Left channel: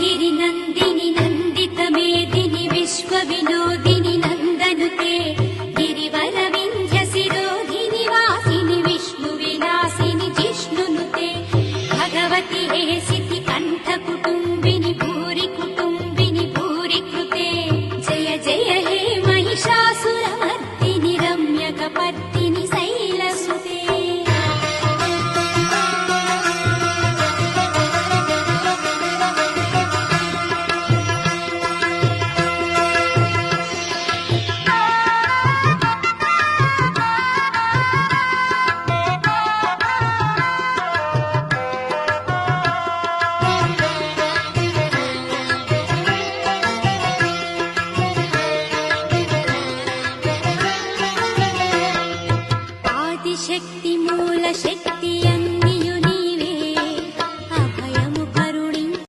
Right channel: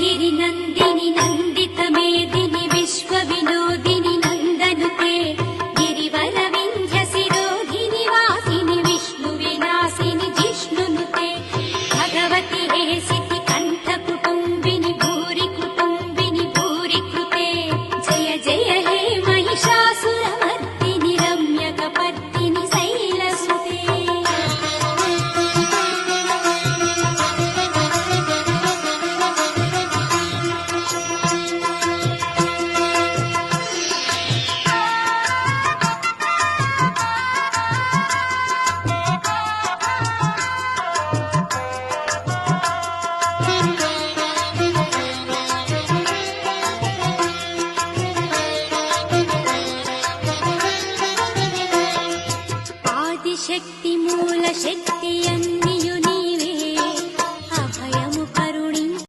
गिरिनन्दिनि नन्दितमेदिनि विश्वविनोदिनि नन्दनुते गिरिवरविन्ध्यशिरोधिनि वासिनि विष्णुविलासिनि जिष्णुनुते भगवति हेसिति कण्ठकुटुम्बिनि भूरि कुटुम्बिनि भूरि कृते जय जय हे महिषासुरमर्दिनि रम्यकपर्दिनि शैलसुते शक्ति मूल शक्तिय